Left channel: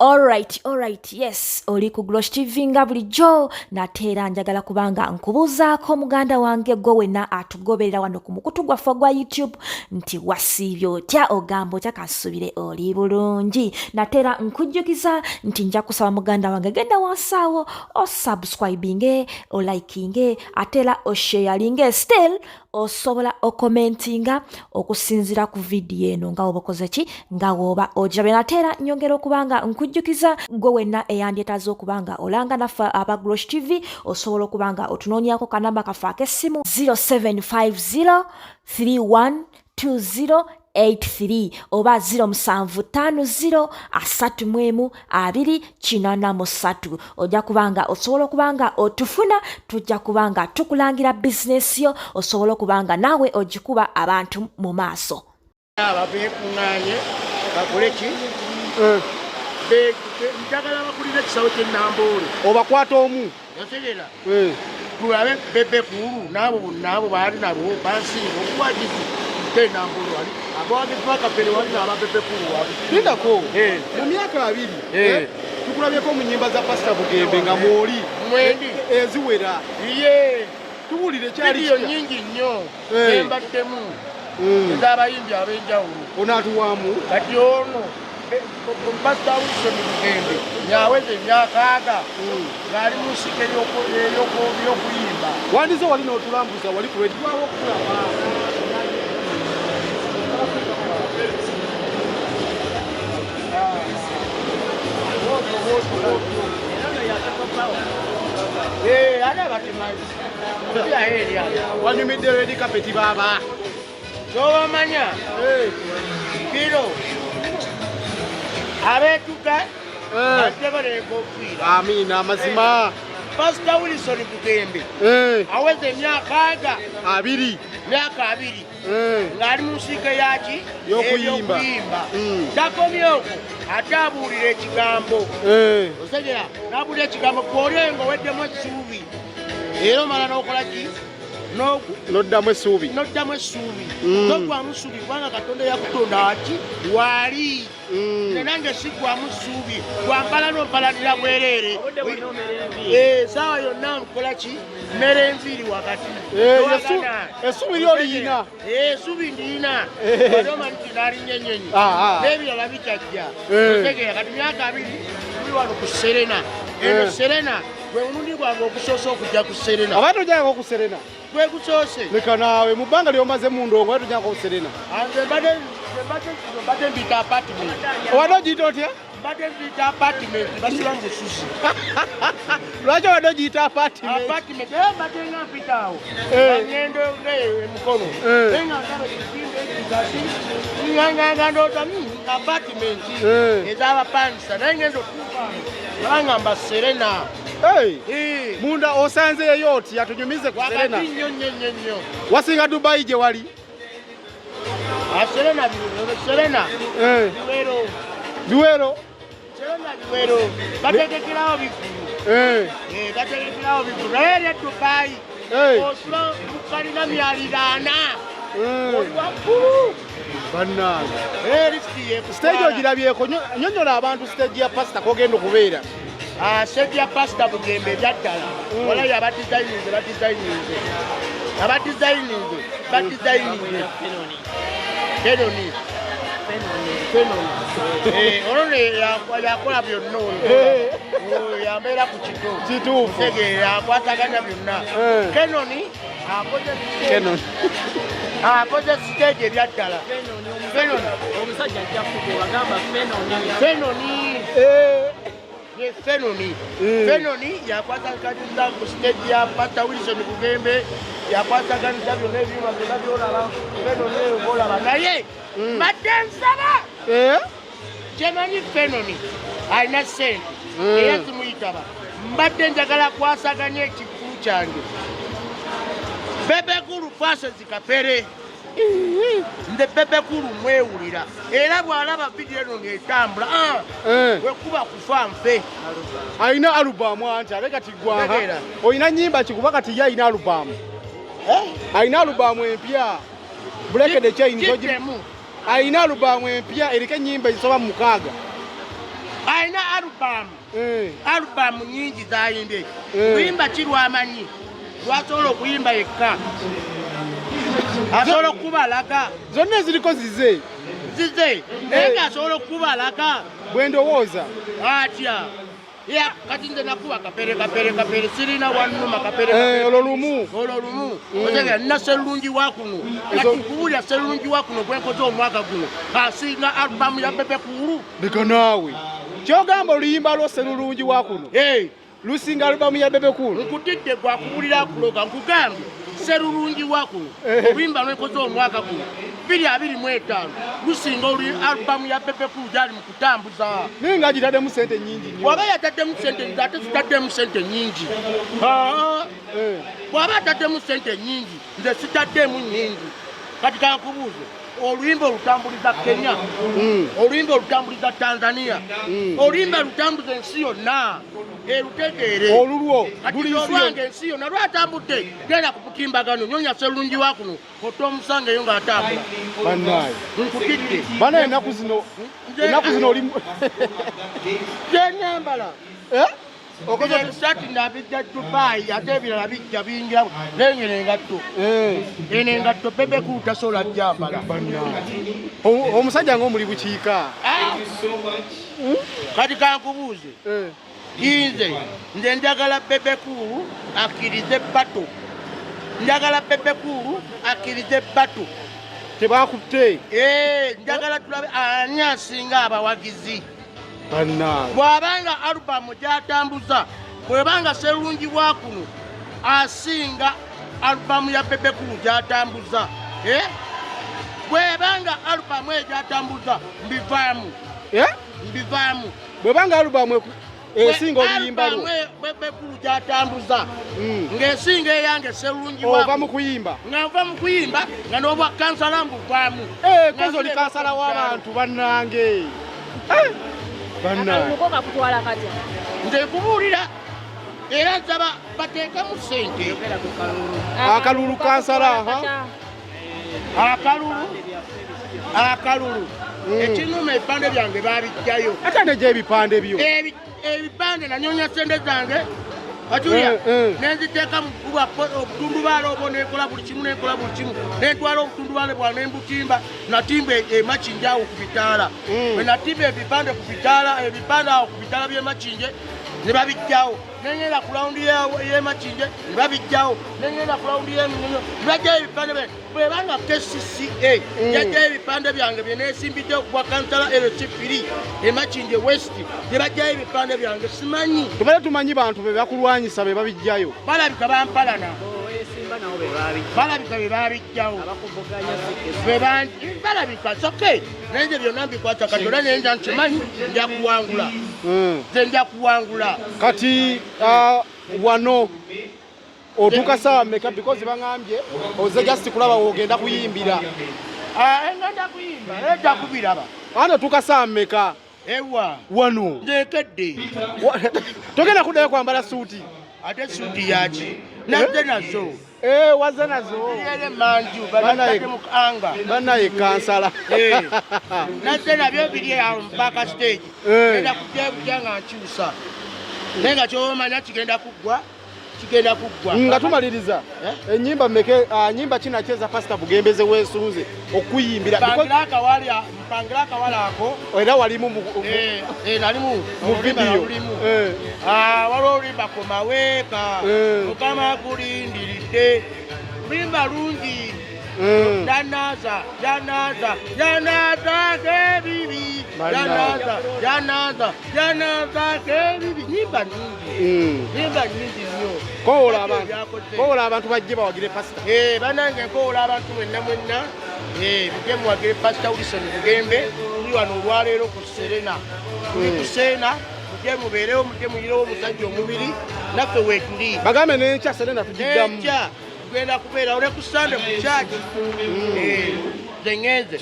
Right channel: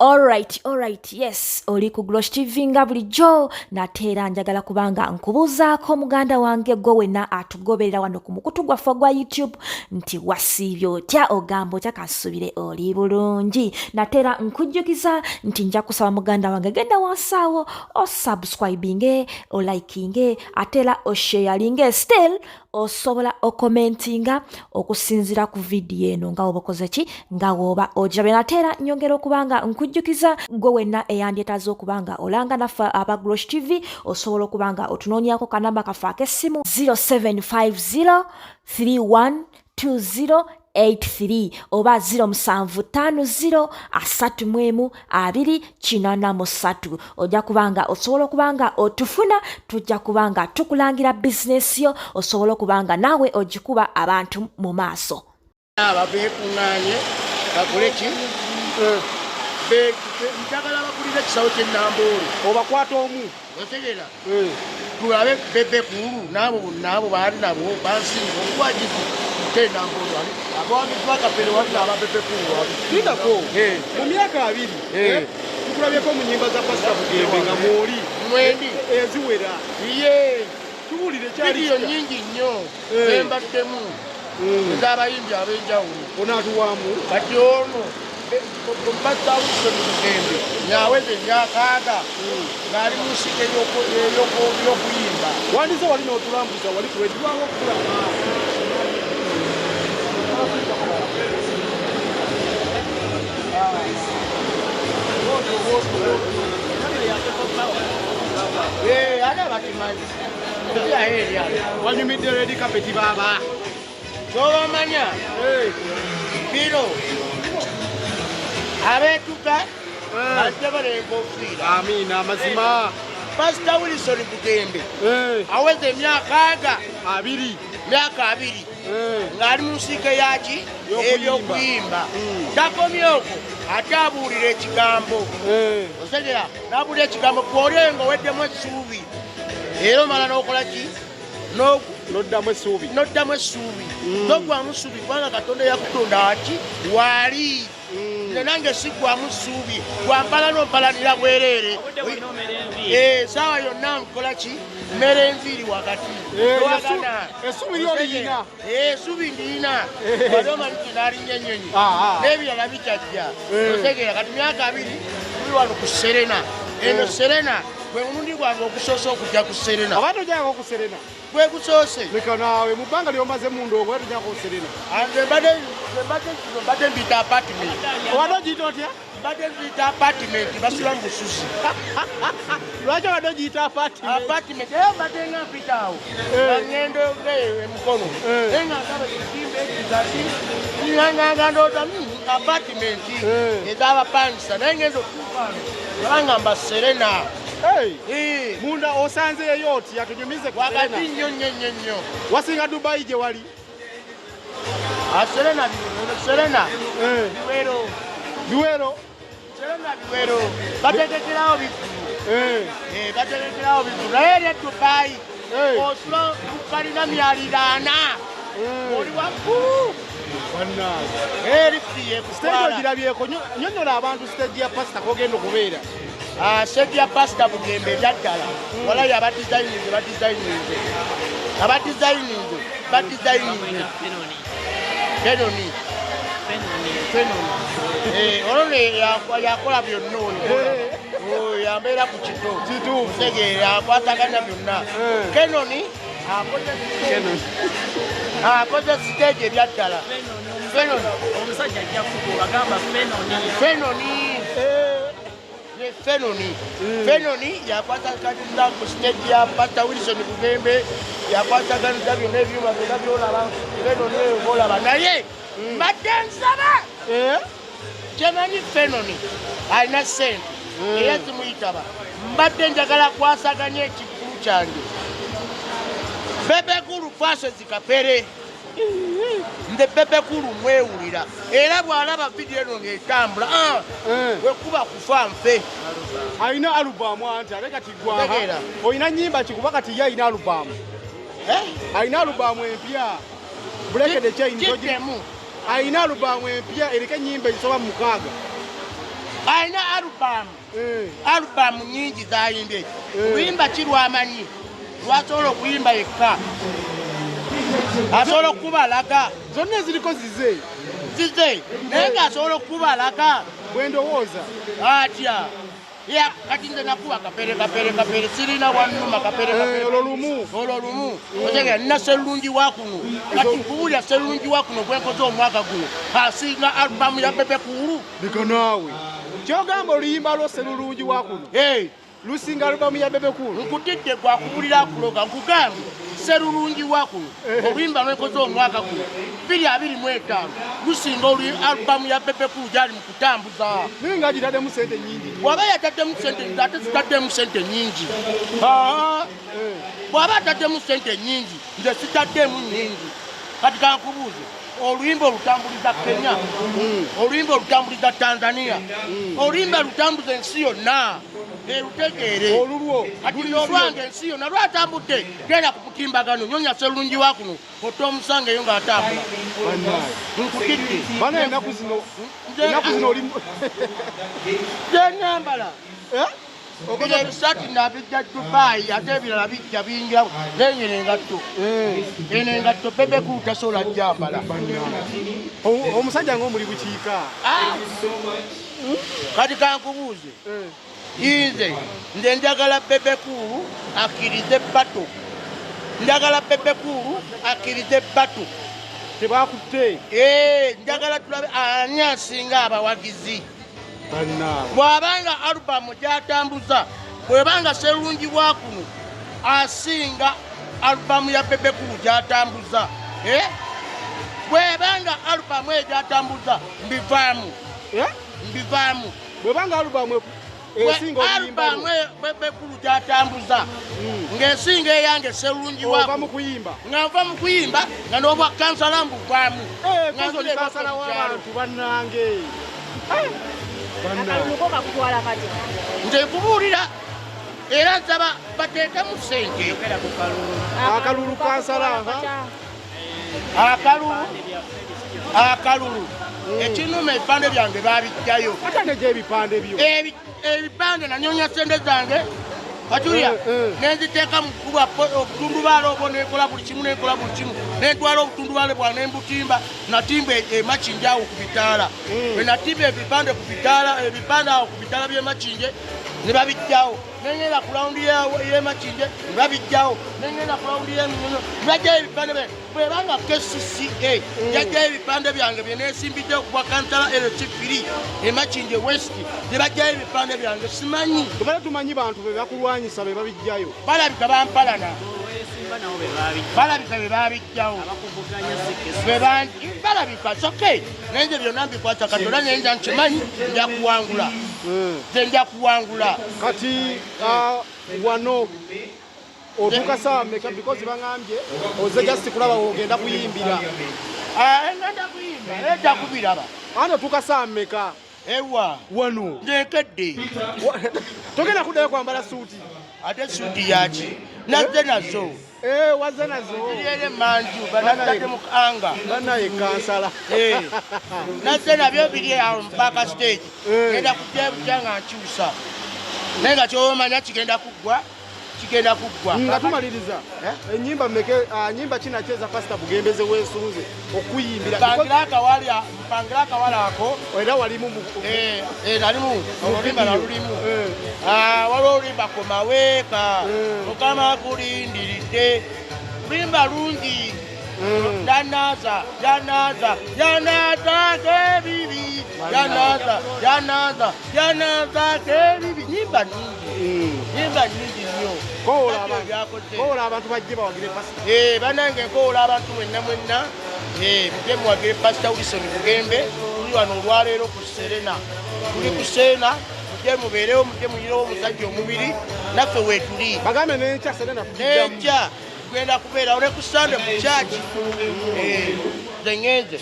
Alright, yes, oli ku Glosh TV nga bulijjo nate era njagala kubanga nkubuuzaako muganda wange gwe wenna atugoberera wano ku mukutu gwaffe gwa YouTube nti wasiibye otya ogamba otya kasubire oli bulungi nate era nkujjukiza nti nja kusaba muganda wange genda wansaawo osubscribinge olikinge ate era osharinge still osobola okomentinga okusinzira ku vidiyo eno nga oba okoze ki nga woba ogirabe nate era nyongera okubanga nkujjukiza gwe wenna eyandyetaaze okubanga olanga naffe aba Glosh TV osobola okubanga otunoonyako kanamba kaffe ak'essimu 0750312083 oba 0750312083 ojja kubanga osobola okubanga otufuna tujja kubanga tukulangira bizinesi yo osobola okubanga naawe ogikuba abantu mu maaso ababeekuŋŋaanye bakole ki njagala bakulira ekisawo ky'ennamboole obakwata omu otegeera tulabe bebekulu naabo bonna abo baali nabo bansinga okuwagiki k'ennamboole wali abawagizi bakapere wali n'ababebekulu wali lidako mu myaka 2 tukulabyeko mu nnyimba za pasita Bugembe nga mwoli mwendi eziwera iye tuwulire vidiyo nnyingi nnyo embaddemu ez'abayimbi ab'enjawulo onaatuwamu kati ono Pastor Wilson Bugembe nyaweze myakaaga ng'ali mu nsiko ey'okuyimba wandize wali n'otulambuza wali tuwedwawo okulaba ate abatimazi wanyumidde redi kapeti baaba tobamanya biro abeetuka ajja baleenkofiira amiina amazima Pastor Wilson Bugembe aweze emyaka 2 ng'ali mu nsiike yaki ebyokuyimba takomye okwo ate abuulira ekigambo otegera n'abuulira ekigambo kwolenga oweddemu essuubi era omala n'okola ki noddamu essuubi togwamu ssuubi kubanga Katonda yakutonda ati waali nange sigwamu ssuubi gwampala n'ompalanira bwereere saawa yonna nkola ki mmera enviiri wakati essuubi ndiyina wali omanyi kinaalinnya ennyonyi n'ebirala bikyajja otegeera kati myaka 2 tuli wano ku Serena eno Serena gwe mulundi gwange okusoosa okujja ku Serena aba tojjanga ku Serena gwe kusoose leka naawe mu bbanga ly'omaze mu ndongo aba tojjanga ku Serena mbadde mbita apartment wadde ogiyita otya mbadde mbita apartment basiba mu busuzi lwaki wadde ogiyita apartment era mbadde nga mpita awo nga ŋŋendo emukono naye nga ngaba ekizimbe ekizati nganga ndooza apartment ez'abapanisa naye ngendo otuufaano ngabangamba Serena munda osanzeeyo otya tunyumize ku Serena wakati nnyo wasinga Dubai gye wali Serena biwero bategekerawo bigulu naye eri Dubai osula bukalina myaliraana oli waggulu stage ogirabyeko nyonyola abantu stage ya pasita kogenda okubeera stage ya Pastor Bugembe ebyaddala walayo abadizayininze ono yakola byonna ono yambeera ku kito tegeera yakwataganya byonna Kenoni akoze stage ebyaddala omusajja ajja kubagamba Fenoni yakwataganiza ku stage ya Pastor Wilson Bugembe yakwataganiza byonna ebyuma byonna byolaba Fenoni olaba naye mbadde nsaba gyemanyi Fenoni alina ssente era simuyitaba mbadde njagala kwasaganya ekikulu kyange bebekulu faso zikapere nze bebekulu mwewulira era bw'alaba vidiyo eno ng'etambula wekuba kufa nfe alina alubamu anti ale kati gwaha olina nnyimba kikuba kati ye alina alubamu alina alubamu empya Break the Chain alina alubamu empya eriko ennyimba ezisoba 6 alina alubamu nyingi zayimbye kuyimba kirwamanyi lwasobola okuyimba yekka asobola okubalaga zonna ziriko zize naye ng'asobola okubalaga bwe ndowooza atya kati nze nakuba kapere sirina wannuma kapere olwo lumu otegera nina sserulungi wa kuno kati nkuwulira sserulungi wa kuno gwenkoze omwaka guno asinga alubamu ya Bebe Cool leka naawe kyogamba oluyimba lwo sserulungi wa kuno lusinga alubamu ya Bebe Cool nkutidde gwakuwulira akuloga nkugambye sserulungi wa kuno oluyimba lwenkoze omwaka guno 2025 lusinga alubamu ya Bebe Cool gyali mu kutambuza naye nga gitaddemu sente nyingi bw'aba yataddemu sente nyingi ate zitaddemu sente nyingi bw'aba ataddemu sente nyingi nze sitaddemu nyingi kati kankubuuze oluyimba olutambuliza Kenya oluyimba olutambuliza Tanzania oluyimba lutambuza ensi yonna erutegeere olulwo kati olwange ensi yonna lwatambudde genda ku kutimbagano nyonya sserulungi wa kuno otta omusanga eyo ng'atambula nkutidde bana ennaku zino oli gyenyambala okugya ebisati nabijja Dubai ate ebirala bijja bingira nenyina engatto eno engatto Bebe Cool tasobola gyambala omusajja ng'omuli bukiika kati kankubuuze nze njagala Bebe Cool akkirize bato njagala Bebe Cool akkirize bato tebakutte njagala tulabe ani asinga abawagizi bw'abanga alubamu gy'atambuza bw'ebanga sserulungi wa kuno asinga alubamu ya Bebe Cool gy'atambuza bw'ebanga alubamu egyatambuza mbivaamu bwebanga alubamu esinga oluyimba lwo Bebe Cool gy'atambuza ng'esinga eyange sserulungi wa kuno mukuyimba nga nva mu kuyimba nga n'obwa kansala mbuvaamu kazi oli kansala w'abantu bannange akaluluko kakutwala katya nze nkubuulira era nsaba bateekemu ssente yogera ku akalulu kansala akalulu ekinuma ebipande byange baabijjayo ate negy'ebipande byo ebipande nanyonya ssente zange Katuya nenziteeka mu kuba obutundubaala obwo nekola buli kimu nentwala obutundubaale bwa nembutimba natimba emakinje awo ku bitaala bwe natimba ebipande ku bitaala ebipande awo ku bitaala by'emakinje ne babijjawo nengenda ku lawundi y'emakinje ne babijjawo nengenda ku lawundi y'eminyonyo ne bajjayo ebipande bwebanga KCCA yajjayo ebipande byange bye neesimbidde okubwa kansala LC3 emakinje west ne bajjayo ebipande byange simanyi tubale tumanyi bantu be bakulwanyisa be babijjayo balabika bampalana balabika be babijjawo balabika soke nenje byonna mbikwasa kati ola nenja nkimanyi njakuwangula nze njakuwangula kati wano otuuka saawa mmeka because bangambye oze just kulaba ogenda kuyimbira ngenda kuyimba ejja kubiraba ate otuuka saawa mmeka ewa wano nzekedde togenda kuddayo kwambala suuti ate suuti yaki nazze nazo wazze nazo ere manju banatadde mu anga banaye kansala nazze nabyo biri awo mpaka stage genda kujebuja nga nkyusa naye nga kyomanya kigenda kuggwa nga tumaliriza enyimba mmeke nyimba kinacheza pasita Bugembeze weesunze okuyimbira mpangira akawala ako era walimu nalimu olulima nalulimu waliwo olulimba komaweeka mukama kulindiridde lulimba lungi janaza kebibi janaza kebibi nyimba nyingi nnyo kowola abantu bajje bawagire pasita banange nkowola abantu mwenna mujje muwagire pasita Wilson Bugembe tuli wano olwaleero ku Serena tuli ku Serena mujje mubeerewo mujje muyirewo omusajja omubiri naffe weetuli bagambe n'enkya Serena tugiddamu n'enkya tugenda kubeerawo ne ku Sande mu kyaki nze ŋŋenze